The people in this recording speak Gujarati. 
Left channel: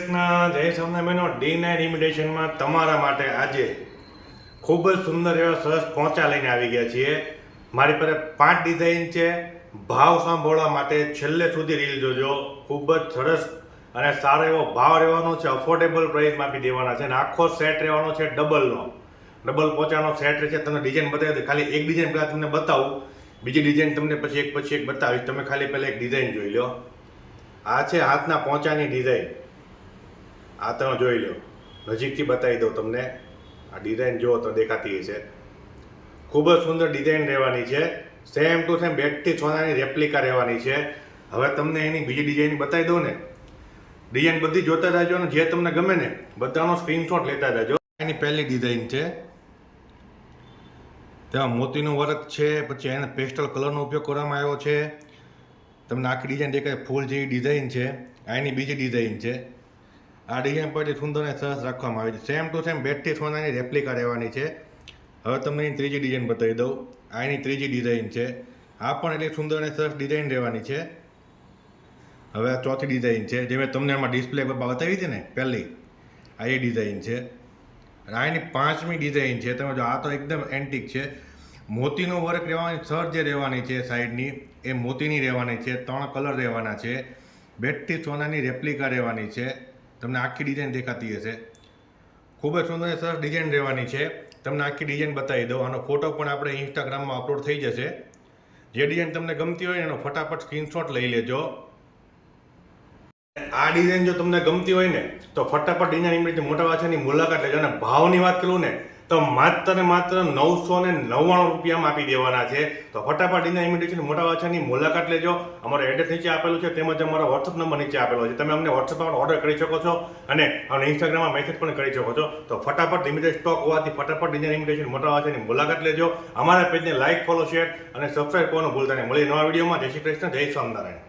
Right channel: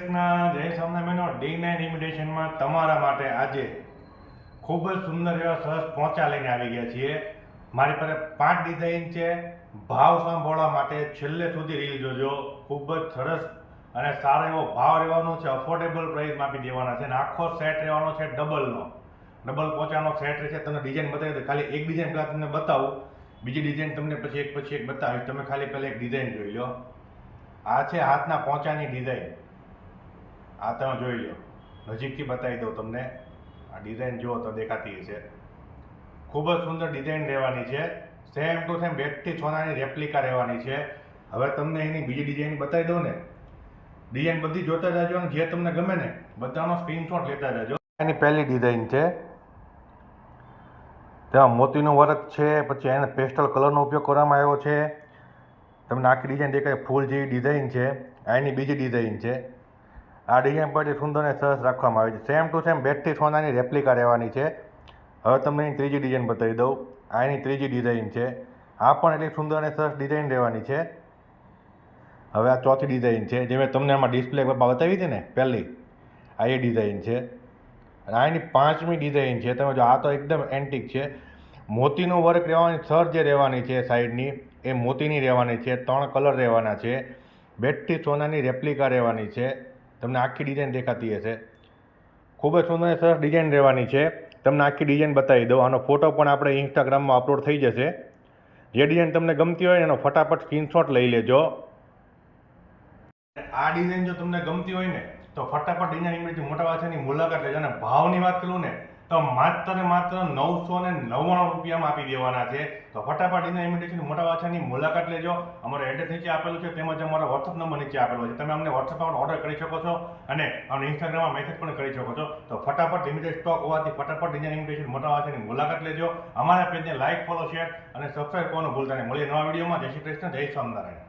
જય સ્વામિનારાયણનો D9 ઇમિટેશનમાં તમારા માટે આજે ખૂબ જ સુંદર એવા સરસ પોંચા લઈને આવી ગયા છીએ. મારી પાસે 5 ડિઝાઇન છે. ભાવ સાંભળવા માટે છેલ્લે સુધી રીલ જોજો. ખૂબ જ સરસ અને સારો એવો ભાવ રહેવાનો છે. અફોર્ડેબલ પ્રાઇસમાં આપી દેવાના છે અને આખો સેટ રહેવાનો છે ડબલ પોંચાનો સેટ રહેશે. તમને ડિઝાઇન બતાવી દો. ખાલી એક ડિઝાઇન પહેલાં તમને બતાવું, બીજી ડિઝાઇન તમને પછી એક બતાવીશ. તમે ખાલી પહેલાં એક ડિઝાઇન જોઈ લો. આ છે હાથના પોંચાની ડિઝાઇન. આ તમે જોઈ લો, નજીકથી બતાવી દઉં તમને. આ ડિઝાઇન જુઓ તો દેખાતી હશે. ખૂબ જ સુંદર ડિઝાઇન રહેવાની છે. સેમ ટુ સેમ બેટથી સોનાની રેપ્લિકા રહેવાની છે. હવે તમને એની બીજી ડિઝાઇન બતાવી દઉં ને. ડિઝાઇન બધી જોતા રહેજો અને જે તમને ગમે ને બધાનો સ્ક્રીનશોટ લેતા રહેજો. એની પહેલી ડિઝાઇન છે, તેમાં મોતીનું વર્ક છે. પછી એને પેસ્ટલ કલરનો ઉપયોગ કરવામાં આવ્યો છે. તમને આખી ડિઝાઇન દેખાય, ફૂલ જેવી ડિઝાઇન છે. આ એની બીજી ડિઝાઇન છે. આ ડિઝાઇન પરથી સુંદર અને સરસ રાખવામાં આવી છે. સેમ ટુ સેમ બેટથી સોનાની રેપ્લિકા રહેવાની છે. હવે તમને એની ત્રીજી ડિઝાઇન બતાવી દઉં. આ એની ત્રીજી ડિઝાઇન છે. આ પણ એટલી સુંદર અને સરસ ડિઝાઇન રહેવાની છે. હવે આ ચોથી ડિઝાઇન છે, જે મેં તમને આમાં ડિસ્પ્લે બતાવી હતી ને પહેલી, આ એ ડિઝાઇન છે. અને આ એની પાંચમી ડિઝાઇન છે. તમે જો, આ તો એકદમ એન્ટિક છે. મોતીનો વર્ક રહેવાની, સર જે રહેવાની છે સાઈડની એ મોતીની રહેવાની છે. 3 કલર રહેવાના છે. બેટથી સોનાની રેપ્લિકા રહેવાની છે. તમને આખી ડિઝાઇન દેખાતી હશે. ખૂબ જ સુંદર સરસ ડિઝાઇન રહેવાની છે. તમને આખી ડિઝાઇન બતાવી દઉં. આનો ફોટો પણ આપણે ઇન્સ્ટાગ્રામમાં અપલોડ થઈ જશે. જે ડિઝાઇન તમને ગમતી હોય એનો ફટાફટ સ્ક્રીનશોટ લઈ લેજો. આ ડિઝાઇન જો તમને ગમતી હોય ને તો ફટાફટ ડિઝાઇન ઇમિટેશન મોટા વાછાની મુલાકાત લેજો. અને ભાવની વાત કરું ને તો માત્ર ને માત્ર 999 રૂપિયામાં આપી દેવાના છે. તો ફટાફટ ડિઝાઇન ઇમિટેશન મોટા વાછાની મુલાકાત લેજો. અમારો એડ્રેસ નીચે આપેલું છે, તેમજ અમારો વોટ્સઅપ નંબર નીચે આપેલો છે. તમે અમને વોટ્સઅપમાં ઓર્ડર કરી શકો છો અને અમને ઇન્સ્ટાગ્રામમાં મેસેજ પણ કરી શકો છો. તો ફટાફટ લિમિટેડ સ્ટોક હોવાથી ફટાફટ ડિઝાઇન ઇમિટેશન મોટા વાછાની મુલાકાત લેજો. અમારા પેજને લાઇક, ફોલો, શેર અને સબસ્ક્રાઇબ કરવાનું ભૂલતા નહીં. મળીએ નવા વિડીયોમાં. જય શ્રી કૃષ્ણ, જય સ્વામિનારાયણ.